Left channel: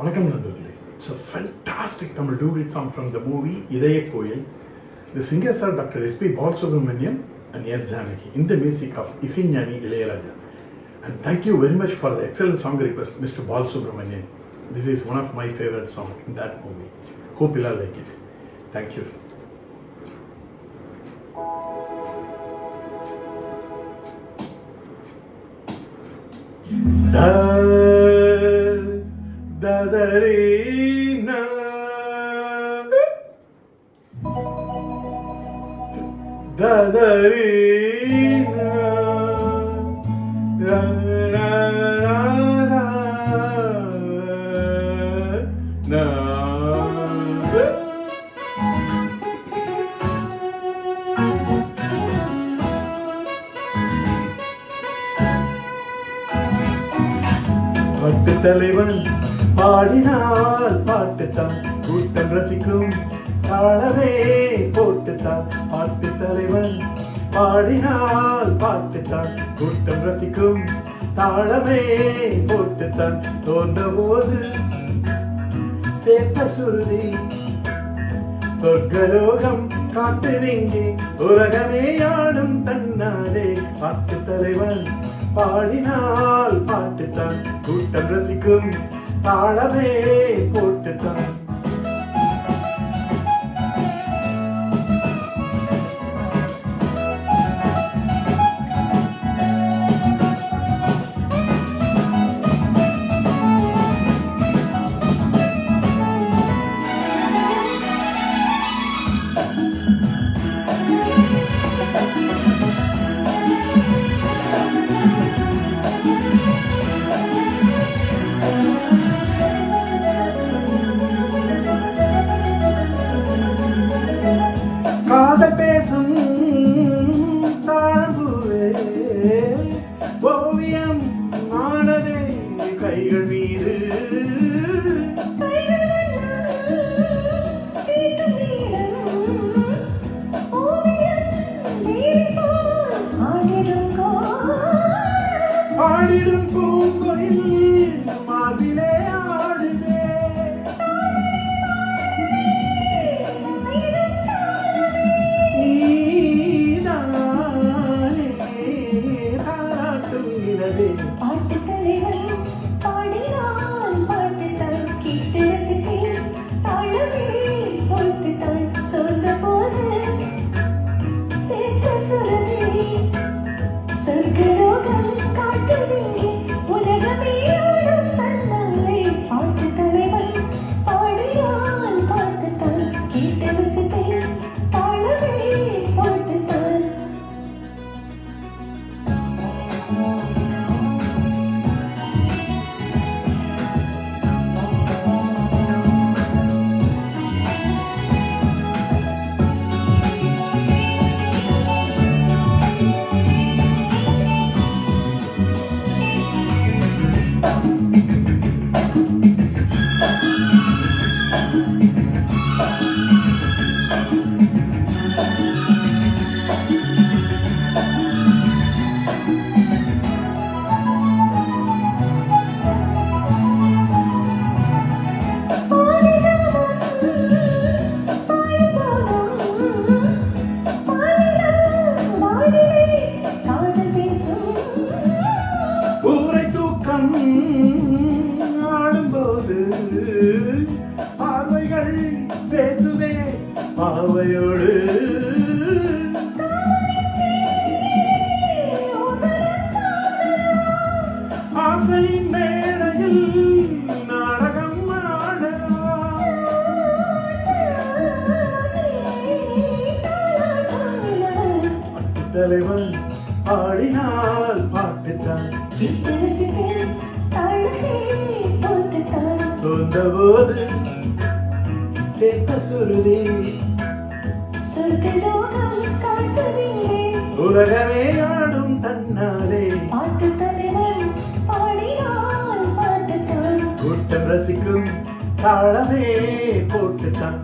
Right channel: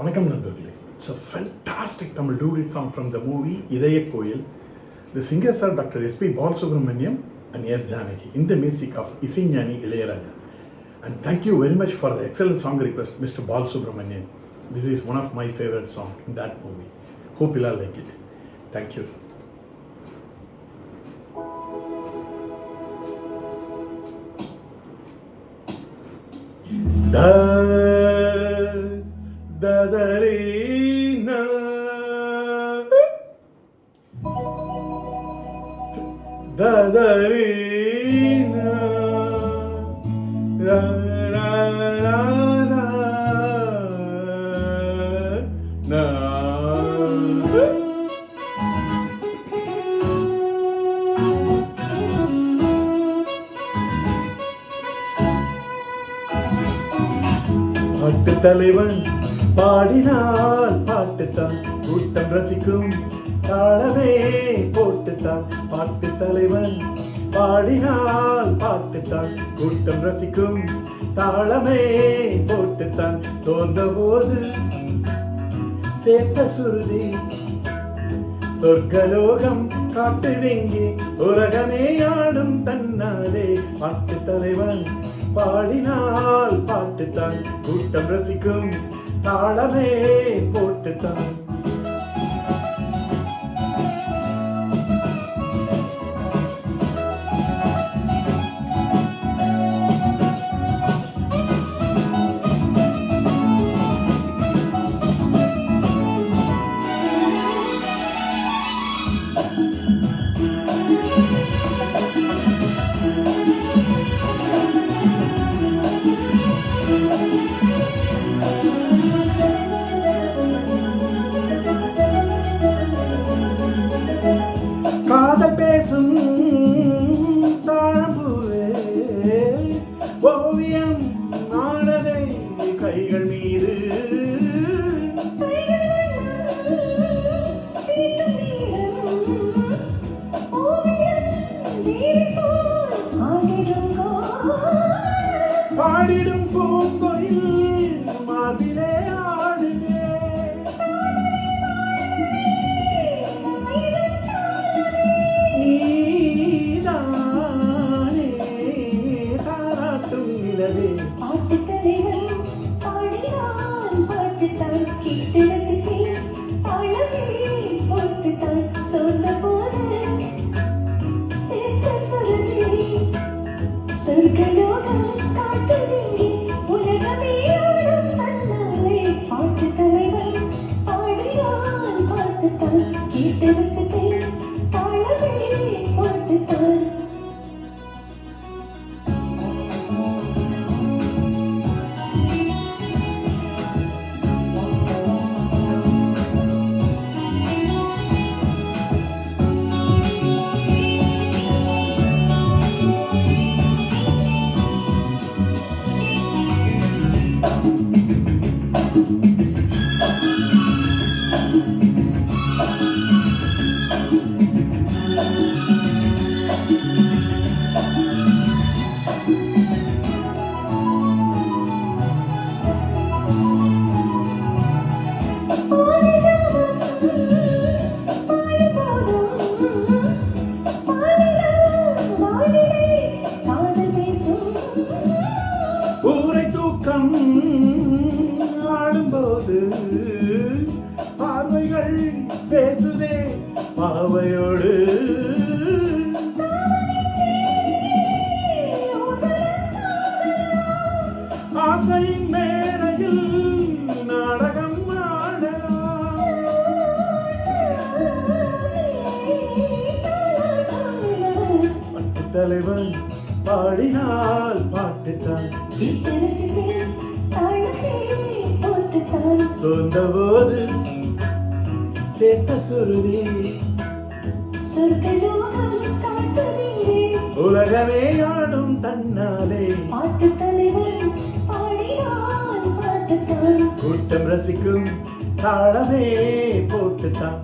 வணக்கம் நண்பர்களே. It's a fantastic Tamil duet song from the movie Idaya Koyil. The singers are Dr. S.P. Balasubramaniam and S. Janaki in the music of Isignani Ilayaraja. And thank you very much for the excellent song request, Mr. Balasubramaniam. This is one of my favorite songs in that movie. Hope you'll all like it. Thank you. Dadarina Dadarina ra ra ra ra na பாட்டு தலைவன் பாடினால் பாட்டுத்தான் கூட்டம் ரசிக்கும் தாளமே போட்டுத்தான். பாட்டு தலைவன் பாடினால் பாட்டுத்தான் கூட்டம் ரசிக்கும் தாளமே போட்டுத்தான். சோர்ந்த போது சேர்த்த சுருதி சொர்க்கலோகம் காட்டுதெங்கே உலகமே ஆடும் தன்னாலே. பாட்டு தலைவன் பாடினால் பாட்டுத்தான் கூட்டம் ரசிக்கும் தாளமே போட்டுத்தான். காதல் பேசும் தாழம்புவே ஓவியம் ஆனதே கைகள் மீது. பாடிடும் பூங்கொயில் மார்பிலே ஆடுதே. தாராட்டும் நிலவே பாட்டு தலைவன் பாடினால் பாட்டுத்தான் கேட்டு ரசித்தேன் தாழவே போட்டுத்தான். சொல்ற போது சேர்த்த சுரமே சொர்க்கலோகம் காட்டுதே உலகமே ஆடும் தன்னாலே. பாட்டு தலைவன் பாடினால் பாட்டுத்தான் கேட்டு ரசித்தேன் தாழவே போட்டுத்தான். ஊரை தூக்கம் ஆடும்போது பார்வைகள் பேசுதே பாவையோடு. ஆசையின் மேடையில் நாடகம் ஆடலாம். பாட்டு தலைவன் பாடினால் பாட்டுத்தான் சொந்த போது சேர்த்த சுருதி உலகமே ஆடும் தன்னாலே. கூட்டம் ரசிக்கும் தாளமே போட்டுத்தான்.